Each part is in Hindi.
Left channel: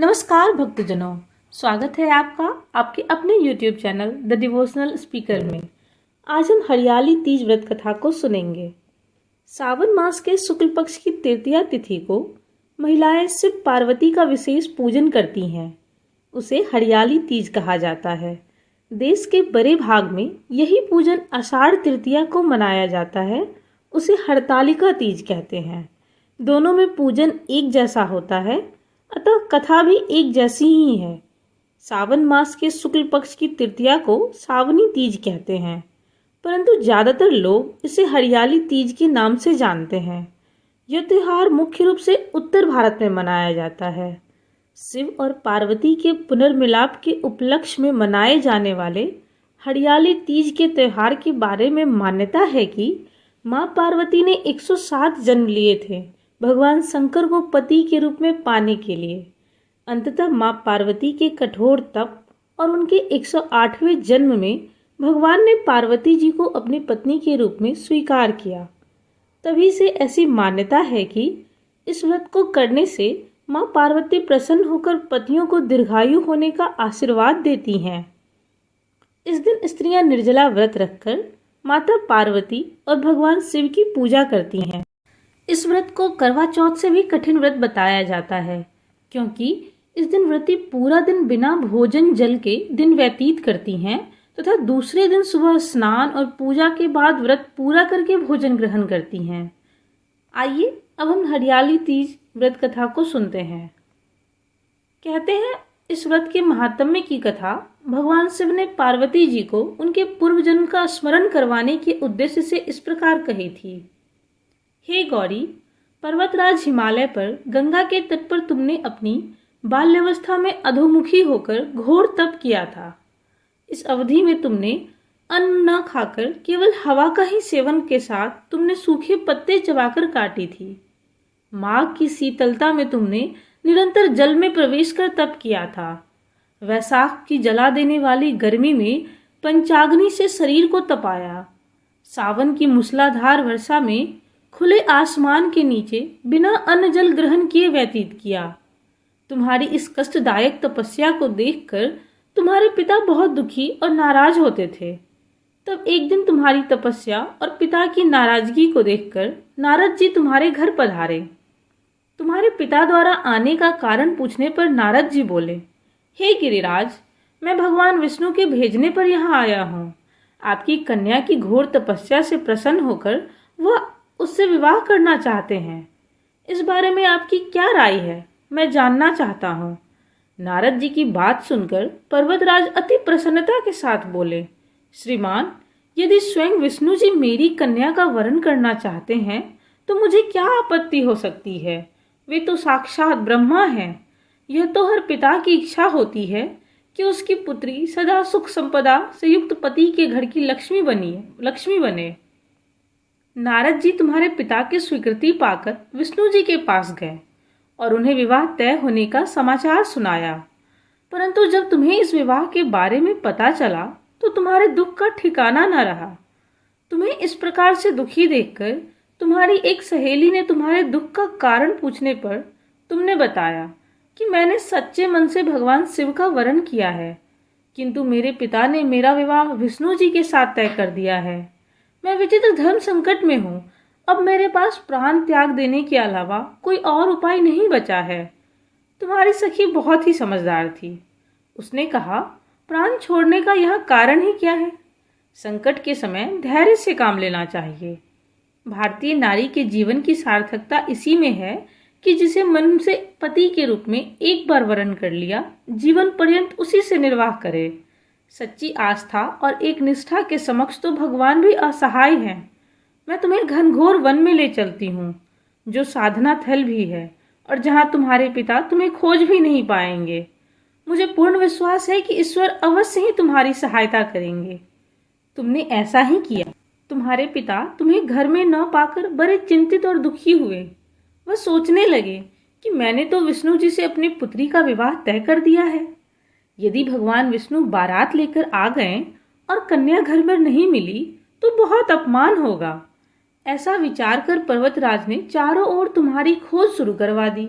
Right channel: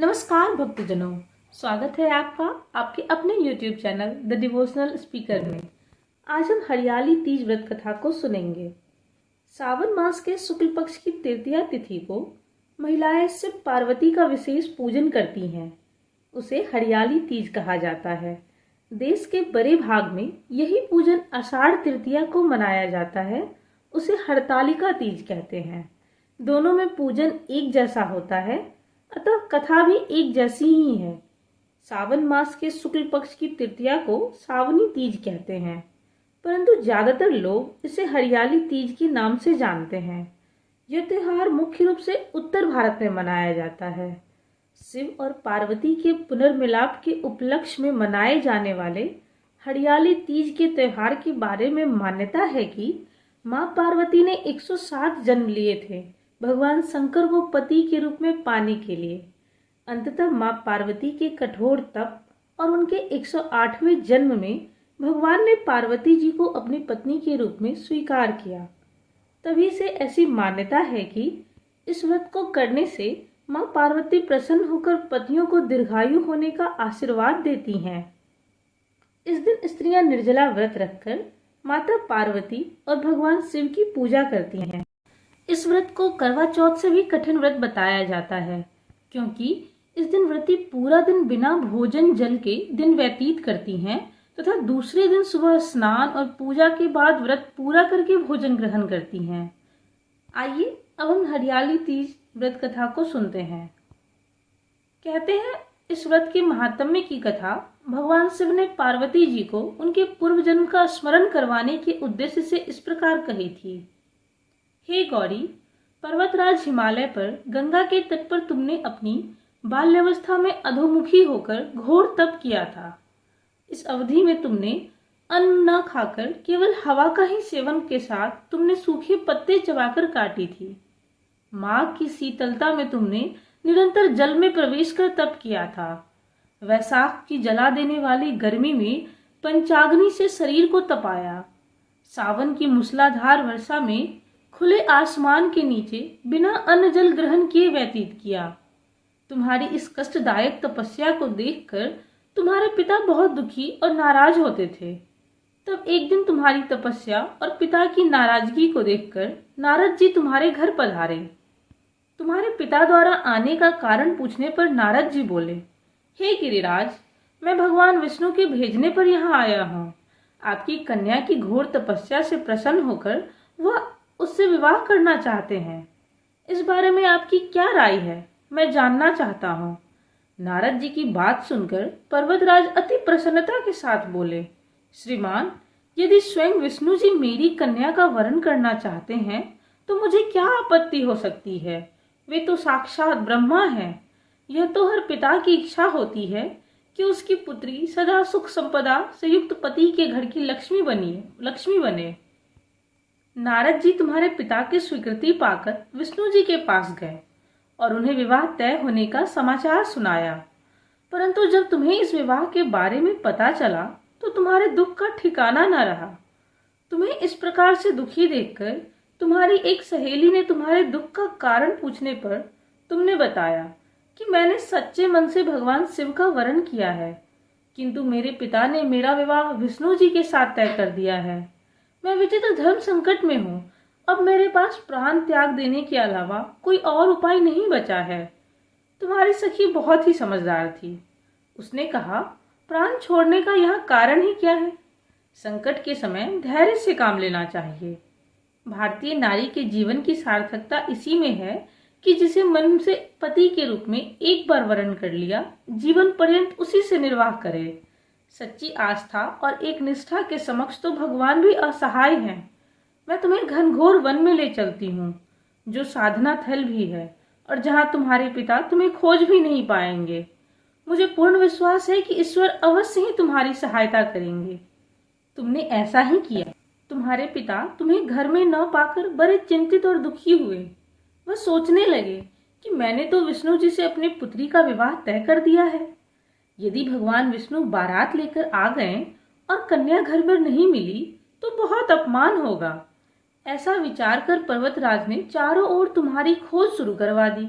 नमस्कार भक्तजनों, स्वागत है आपका आपके अपने YouTube channel the devotional speaker में। आज हम हरियाली तीज व्रत कथा को सुनेंगे। सावन मास के शुक्ल पक्ष की तृतीया तिथि को महिलाएं शिव पार्वती का विशेष पूजन करती हैं। उसे हरियाली तीज कहा जाता है। देश के बड़े भाग में यही पूजन आषाढ़ तृतीया को मनाया जाता है। उसे हरतालिका तीज कहते हैं। दोनों में पूजन एक जैसा होता है, अतः कथा भी एक जैसी ही है। सावन मास के शुक्ल पक्ष की तृतीया को सावनी तीज कहते हैं, परंतु ज्यादातर लोग इसे हरियाली तीज के नाम से जानते हैं। यह त्योहार मुख्य रूप से उत्तर भारत में मनाया जाता है। शिव और पार्वती के पुनर्मिलाप के उपलक्ष्य में मनाए जाने वाले हरियाली तीज के त्योहार के बारे में मान्यता है कि मां पार्वती ने 107 जन्म लिए थे भगवान शंकर को पति के रूप में पाने के लिए। अंततः मां पार्वती के कठोर तप और उनके 108वें जन्म में भगवान ने पार्वती जी को अपनी पत्नी के रूप में स्वीकार किया। तभी से ऐसी मान्यता है कि इस व्रत को करने से मां पार्वती प्रसन्न होकर पतियों को दीर्घायु होने का आशीर्वाद देती हैं। इस दिन स्त्रियां निर्जला व्रत रखकर माता पार्वती और भगवान शिव की पूजा करती हैं। इस व्रत को करवा चौथ से भी कठिन व्रत बताया जाता है, क्योंकि इस दिन व्रती पूरा दिन बिना भोजन जल के दिन व्यतीत करती हैं तथा दूसरे दिन सुबह स्नान और पूजा के बाद व्रत पूरा करके भोजन ग्रहण करती हैं। आइए अब हम हरियाली तीज व्रत कथा को सुनते हैं। कहते हैं इस व्रत के महात्म्य की कथा भगवान शिव ने पार्वती जी को उनके पूर्व जन्म का स्मरण करवाने के उद्देश्य से इस प्रकार कही थी। हे गौरी, पर्वतराज हिमालय पर गंगा के तट पर तुमने अपनी बाल्यावस्था में अधोमुखी होकर घोर तप किया था। इस अवधि में तुमने अन्न न खाकर केवल हवा का ही सेवन के साथ तुमने सूखे पत्ते चबाकर काटी थी। माघ की शीतलता में तुमने निरंतर जल में प्रवेश कर तप किया था। वैशाख की जला देने वाली गर्मी में पंचाग्नि से शरीर को तपाया। सावन की मूसलाधार वर्षा में खुले आसमान के नीचे बिना अन्न जल ग्रहण किए व्यतीत किया। तुम्हारी इस कष्टदायक तपस्या को देखकर तुम्हारे पिता बहुत दुखी और नाराज होते थे। तब एक दिन तुम्हारी तपस्या और पिता की नाराजगी को देखकर नारद जी तुम्हारे घर पधारे। तुम्हारे पिता द्वारा आने का कारण पूछने पर नारद जी बोले, हे गिरिराज, मैं भगवान विष्णु के भेजने पर यहाँ आया हूँ। आपकी कन्या की घोर तपस्या से प्रसन्न होकर वह उससे विवाह करना चाहते हैं। इस बारे में आपकी क्या राय है, मैं जानना चाहता हूँ। नारद जी की बात सुनकर पर्वतराज अति प्रसन्नता के साथ बोले, श्रीमान, यदि स्वयं विष्णु जी मेरी कन्या का वरण करना चाहते हैं तो मुझे क्या आपत्ति हो सकती है। वे तो साक्षात ब्रह्मा हैं। यह तो हर पिता की इच्छा होती है कि उसकी पुत्री सदा सुख संपदा से युक्त पति के घर की लक्ष्मी बने। नारद जी तुम्हारे पिता की स्वीकृति पाकर विष्णु जी के पास गए और उन्हें विवाह तय होने का समाचार सुनाया। परंतु जब तुम्हें इस विवाह के बारे में पता चला तो तुम्हारे दुख का ठिकाना न रहा। तुम्हें इस प्रकार से दुखी देखकर तुम्हारी एक सहेली ने तुम्हारे दुख का कारण पूछने पर तुमने बताया कि मैंने सच्चे मन से भगवान शिव का वरण किया है, किंतु मेरे पिता ने मेरा विवाह विष्णु जी के साथ तय कर दिया है। मैं विचित्र धर्म संकट में हूँ। अब मेरे पास प्राण त्याग देने के अलावा कोई और उपाय नहीं बचा है। तुम्हारी सखी बहुत ही समझदार थी। उसने कहा, प्राण छोड़ने का यह कारण ही क्या है। संकट के समय धैर्य से काम लेना चाहिए। भारतीय नारी के जीवन की सार्थकता इसी में है कि जिसे मन से पति के रूप में एक बार वरण कर लिया, जीवन पर्यंत उसी से निर्वाह करे। सच्ची आस्था और एक निष्ठा के समक्ष तो भगवान भी असहाय हैं। मैं तुम्हें घनघोर वन में ले चलती हूँ, जो साधना थल भी है और जहाँ तुम्हारे पिता तुम्हें खोज भी नहीं पाएंगे। मुझे पूर्ण विश्वास है कि ईश्वर अवश्य ही तुम्हारी सहायता करेंगे। तुमने ऐसा ही किया। तुम्हारे पिता तुम्हें घर में न पाकर बड़े चिंतित और दुखी हुए। वह सोचने लगे कि मैंने तो विष्णु जी से अपनी पुत्री का विवाह तय कर दिया है। यदि भगवान विष्णु बारात लेकर आ गए और कन्या घर में नहीं मिली तो बहुत अपमान होगा। ऐसा विचार कर पर्वतराज ने चारों ओर तुम्हारी खोज शुरू करवा दी।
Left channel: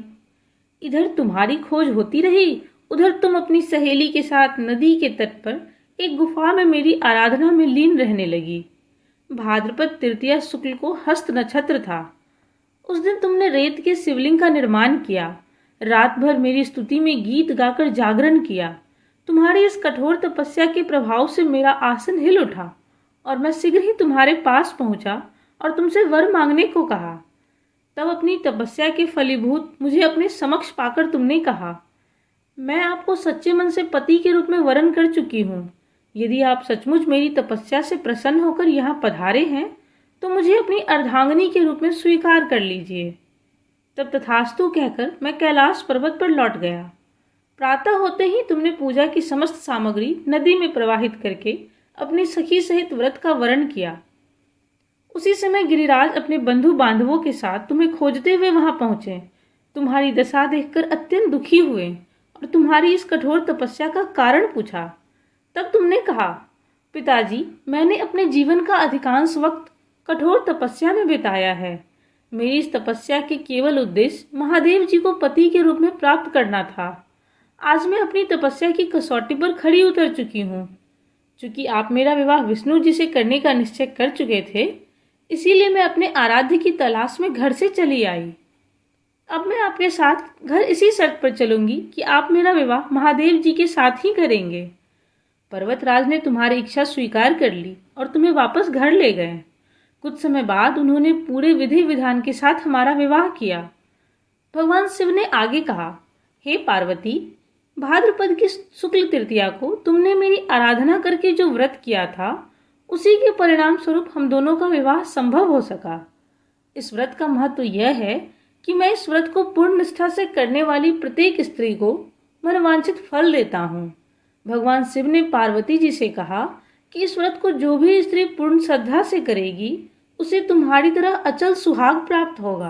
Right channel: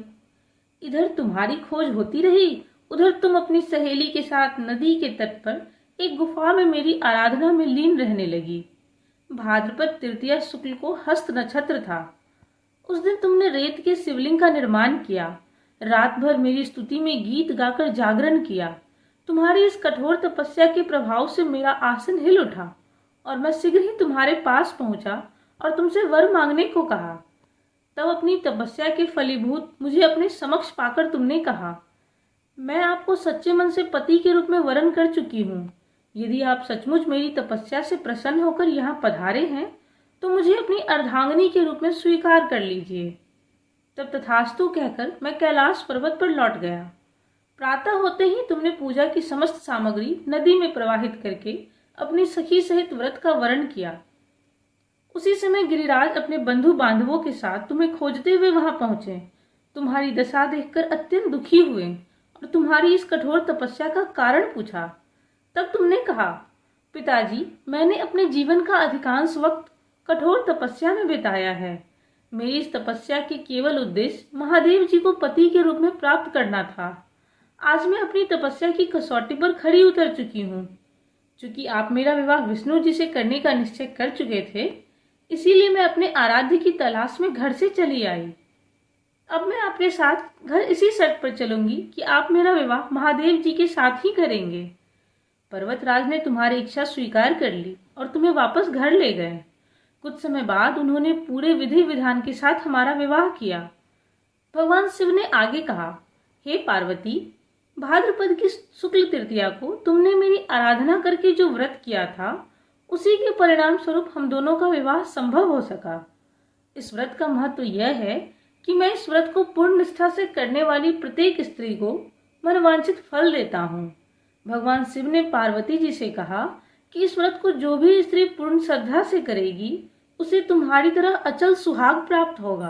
इधर तुम्हारी खोज होती रही, उधर तुम अपनी सहेली के साथ नदी के तट पर एक गुफा में मेरी आराधना में लीन रहने लगी। भाद्रपद तृतीया शुक्ल को हस्त नक्षत्र था। उस दिन तुमने रेत के शिवलिंग का निर्माण किया, रात भर मेरी स्तुति में गीत गाकर जागरण किया। तुम्हारी इस कठोर तपस्या के प्रभाव से मेरा आसन हिल उठा और मैं शीघ्र ही तुम्हारे पास पहुंचा और तुमसे वर मांगने को कहा। तब अपनी तपस्या के फलीभूत मुझे अपने समक्ष पाकर तुमने कहा, मैं आपको सच्चे मन से पति के रूप में वरण कर चुकी हूँ। यदि आप सचमुच मेरी तपस्या से प्रसन्न होकर यहाँ पधारे हैं तो मुझे अपनी अर्धांगिनी के रूप में स्वीकार कर लीजिए। तब तथास्तु कहकर मैं कैलाश पर्वत पर लौट गया। प्रातः होते ही तुमने पूजा की समस्त सामग्री नदी में प्रवाहित करके अपनी सखी सहित व्रत का वरण किया। उसी समय गिरिराज अपने बंधु बांधवों के साथ तुम्हें खोजते हुए वहां पहुंचे। तुम्हारी दशा देखकर अत्यंत दुखी हुए और तुम्हारी इस कठोर तपस्या का कारण पूछा। तब तुमने कहा, पिताजी, मैंने अपने जीवन का अधिकांश वक्त कठोर तपस्या में बिताया है। मेरी इस तपस्या के केवल उद्देश्य महादेव जी को पति के रूप में प्राप्त करना था। आज मैं अपनी तपस्या की कसौटी पर खड़ी उतर चुकी हूँ। चूंकि आप मेरा विवाह विष्णु जी से करने का निश्चय कर चुके थे, इसीलिए मैं अपने आराध्य की तलाश में घर से चली आई। अब मैं आपके साथ घर इसी शर्त पर चलूंगी कि आप मेरा विवाह महादेव जी के साथ ही करेंगे। पर्वतराज ने तुम्हारी इच्छा स्वीकार कर ली और तुम्हें वापस घर ले गए। कुछ समय बाद उन्होंने पूरे विधि विधान के साथ हमारा विवाह किया। भगवान शिव ने आगे कहा, हे पार्वती, भाद्रपद की शुक्ल तृतीया को तुमने मेरी आराधना करके जो व्रत किया था, उसी के परिणाम स्वरूप हम दोनों का विवाह संभव हो सका। इस व्रत का महत्व यह है कि मैं इस व्रत को पूर्ण निष्ठा से करने वाली प्रत्येक स्त्री को मनवांछित फल देता हूँ। भगवान शिव ने पार्वती जी से कहा कि इस व्रत को जो भी स्त्री पूर्ण श्रद्धा से करेगी, उसे तुम्हारी तरह अचल सुहाग प्राप्त होगा।